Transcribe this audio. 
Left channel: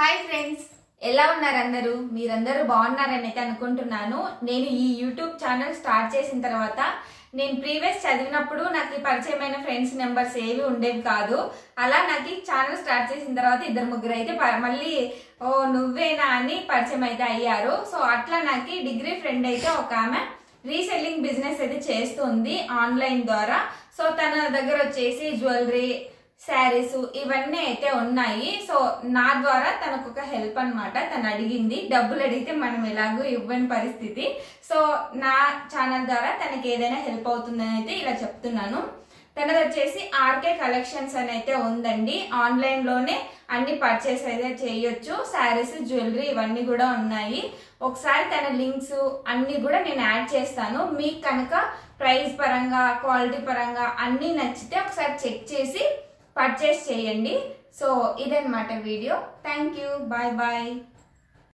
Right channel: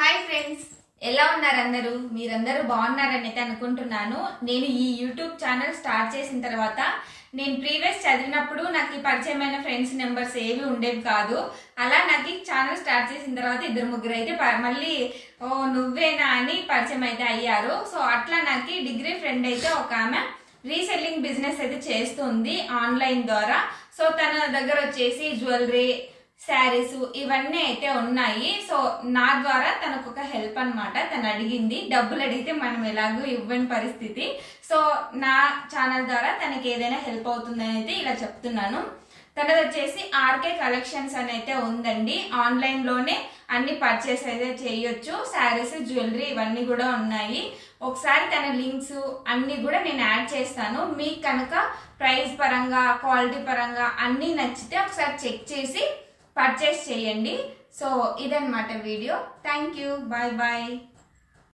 Hi friends, ఎలా ఉన్నారు అందరూ? మీరందరూ బాగున్నారని అయితే అనుకుంటున్నాను. నేను ఈ యూట్యూబ్ ఛానల్ స్టార్ట్ చేసిన తర్వాత నేను ప్రీవియస్ చదివినప్పుడు నాకు ఈ పరిచయమైన ఫ్రెండ్స్ నెంబర్స్ ఏవి ఉండేవి కాదు. అలా నాకు ఈ ఛానల్ స్టార్ట్ చేసిన తర్వాత ఇద్దరు ముగ్గురు అయితే మళ్ళీ ఓ నువ్వేనా అని పరిచయం అయితే అయ్యారు. సో అట్లా నాకు డిగ్రీ ఫ్రెండ్ అయితే ఒక ఆమె రీసెల్లింగ్ బిజినెస్ అయితే చేస్తుంది ఆన్లైన్ ద్వారా. సో తన దగ్గర వచ్చేసి జ్యువెలరీ, శారీస్ ఇవన్నీ అయితే ఉన్నాయి. సో నా ద్వారా తనకు ఒక హెల్ప్ అనమాట. తను అడిగింది, డబ్బులు అడిగితే మనం ఎలాగో ఇవ్వని పరిస్థితి. సో నా ఛానల్ ద్వారా తనకి ఏదైనా హెల్ప్ అవుతుందని అయితే ఇలా చెప్తున్నాను. తనది వచ్చేసి ఆర్కే కలెక్షన్స్ అని అయితే ఉందండి. ఆన్లైన్ లోనే అన్ని పర్చేస్ అయితే చేయొచ్చు. శారీస్, జ్యువెలరీ ఇవన్నీ కూడా ఉన్నాయి. ఒకసారి తన లింక్స్ అన్ని కూడా నేను యాడ్ చేస్తాను. మీకు కనుక ప్రైస్ పరంగా, క్వాలిటీ పరంగా అన్ని నచ్చితే ఒకసారి చెక్ చేసి పర్చేస్ చేయండి. సో ఇదన్నమాట video. Thank you, bye bye.